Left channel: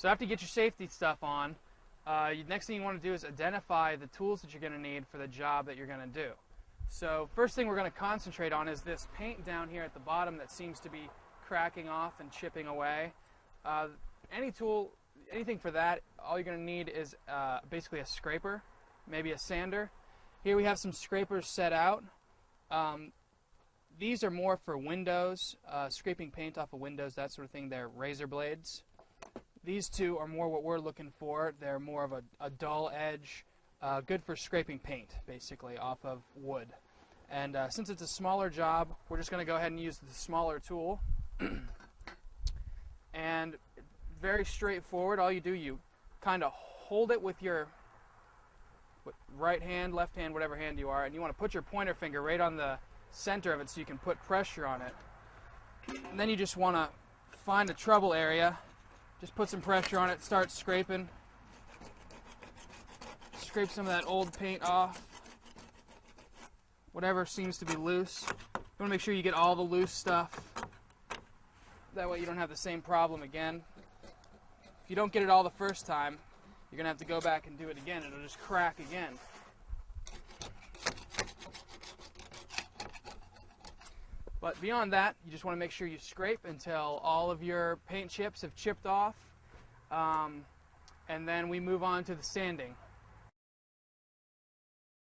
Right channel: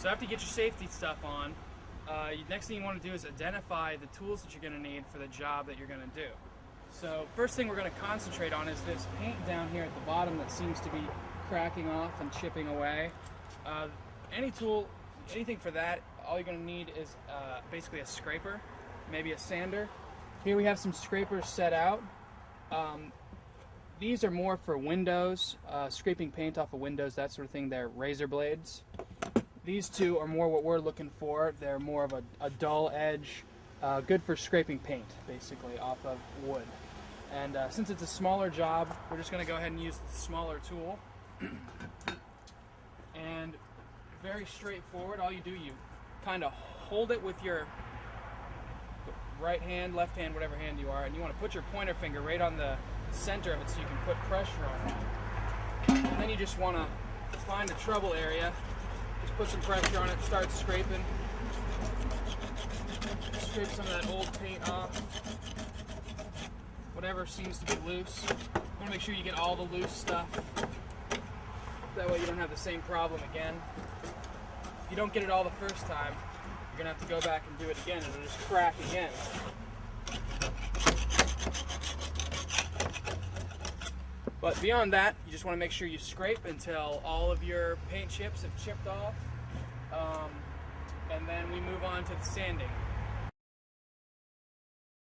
So after you get your safety stuff on, next thing you want to do is identify the tools that you're going to need for the job that you're going to do. So first thing we're going to concentrate on is this paint down here at the bottom that seems to be cracking off and chipping away. Any tool, anything for that, all you're going to need is basically a scraper, maybe a sander. Here we have some scrapers set out. These are more for windows, scraping paint off of windows, that sort of thing. They're razor blades. These two are more what we're looking for. They're more of a dull edge, good for scraping paint, basically, off of wood. And since it's a smaller job, we're just going to go ahead and use the smaller tool. And very straightforward. All you do, you kind of hold it with your right hand, left hand, whatever hand you are, and you want to put your pointer finger right on the center of it so you can put pressure on it. And then you just want to find a trouble area, just put some pressure on it, start scraping. Scrape some of that old paint off, whatever seems to be loose. You want to make sure you get all the loose stuff. That way you don't have the same problem again. If you don't get it all the first time, you're going to have to go back and do it again, and it'll just crack again. But beyond that, you just want to make sure you scrape until all of your paint chips have chipped off. And then we move on to the sanding.